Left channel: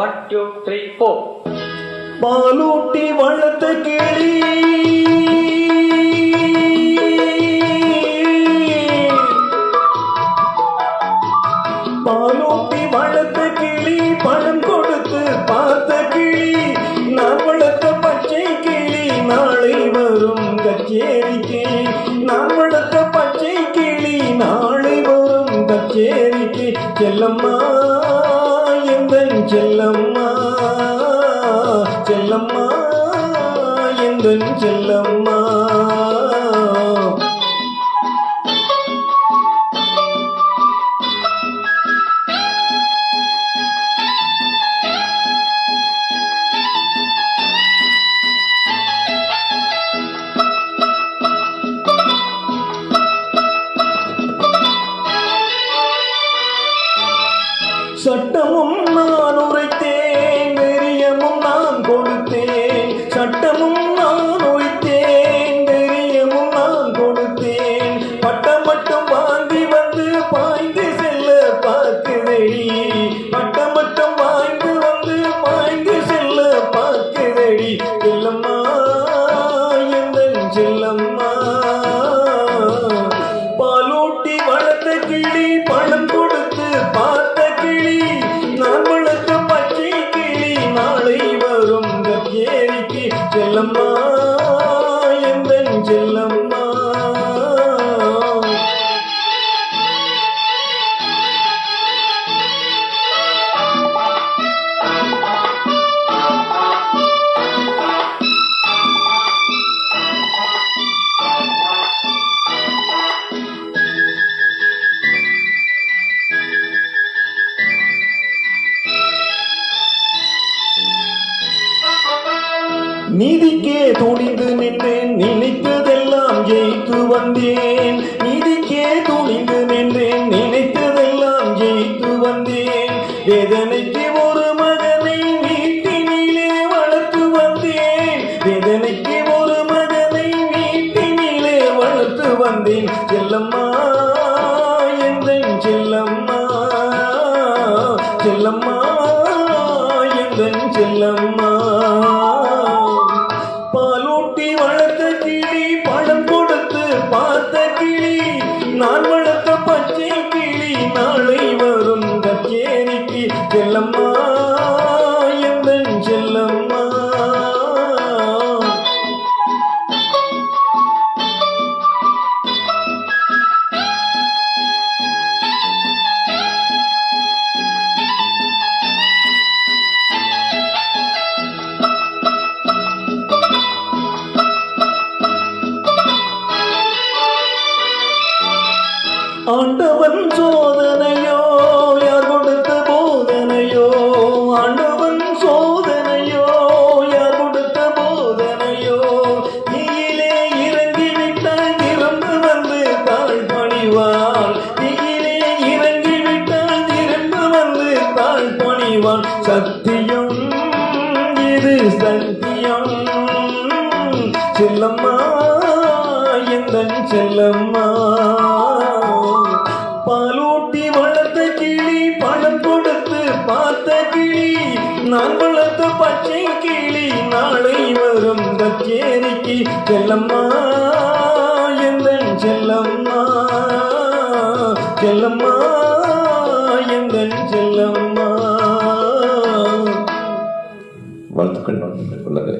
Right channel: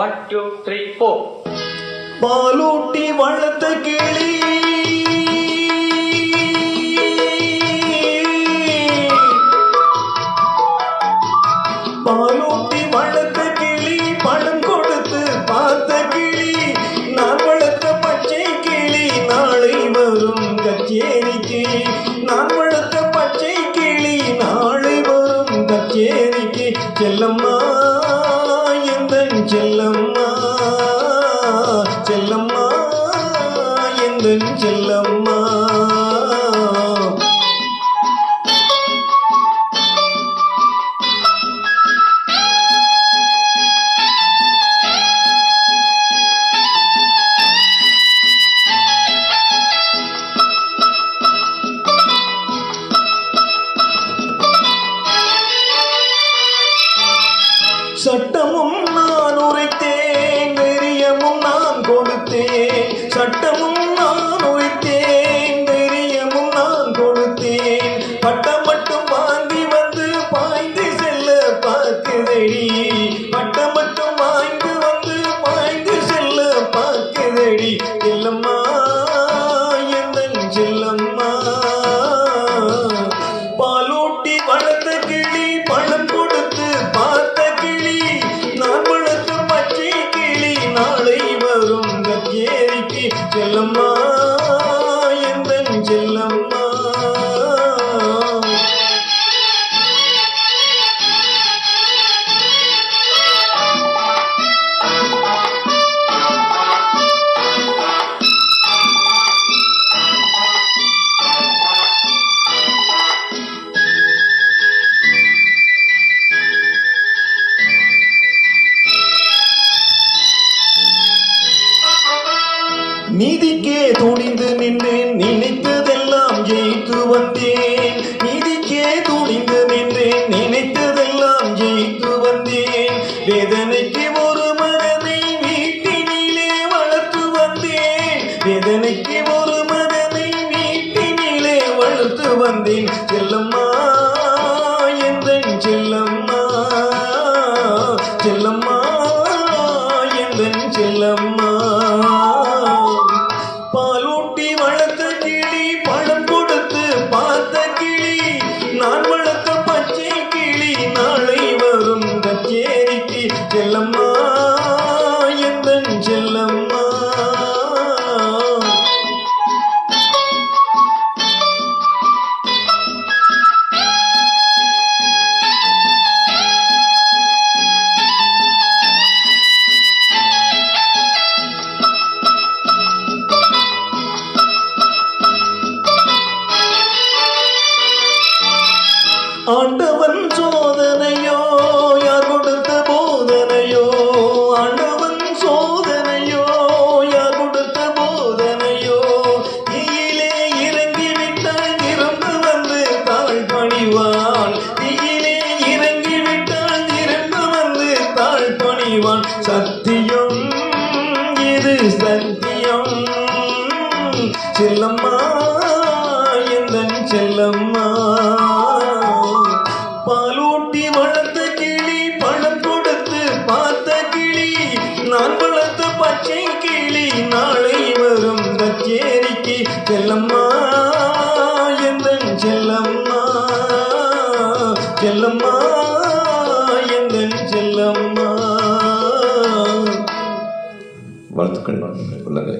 One two three four பாலூட்டி வளர்த்த கிளி. பாலூட்டி வளர்த்த கிளி பணம் கொடுத்து பார்த்த கிளி. நான் வளர்த்த பச்சை கிளி நாளை வரும் கச்சேரி கிளி. நான் வளர்த்த பச்சை கிளி நாளை வரும் கச்சேரிக்கு செல்லம்மா. எந்த செல்லம்மா வளர்த்த கிளி பழம் கொடுத்து பார்த்த கிளி நான் வளர்த்த பச்சை கிளி. நாளை வரும் கச்சேரிக்கு செல்லம்மா. நீதிக்கே துணிந்து நின்றேன் நினைத்ததெல்லாம் ஜெயித்து வந்தேன் நீதிக்கே துணிந்து நின்றேன் நினைத்ததெல்லாம் ஜெயித்து வந்தேன் வேதனைக்கு ஒரு மகனை வீட்டினிலே வளர்த்து வந்தேன். வேதனைக்கு ஒரு மகனை வீட்டினிலே வளர்த்து வந்தேன். செல்லம்மா ஆண்டவன் சோதனையோ யார் கொடுத்த போதனையோ ஆண்டவன் சோதனையோ யார் கொடுத்த போதனையோ தீயிலே இறங்கி விட்டால் இறந்து வந்து தாழ் பணிவான் தீயிலே இறங்கி விட்டால் இறந்து வந்து தாழ் பணிவான் சத்தியம் இது சத்தியம். செல்லம்மா நான் வளர்த்த பச்சை கிளி நாளை வரும் கச்சேரிக்கு. செல்லம்மா எந்தன் செல்லம்மா. செல்லம்மா எந்தன் செல்லம்மா. வாழ்த்துக்கள் உள்ளங்களே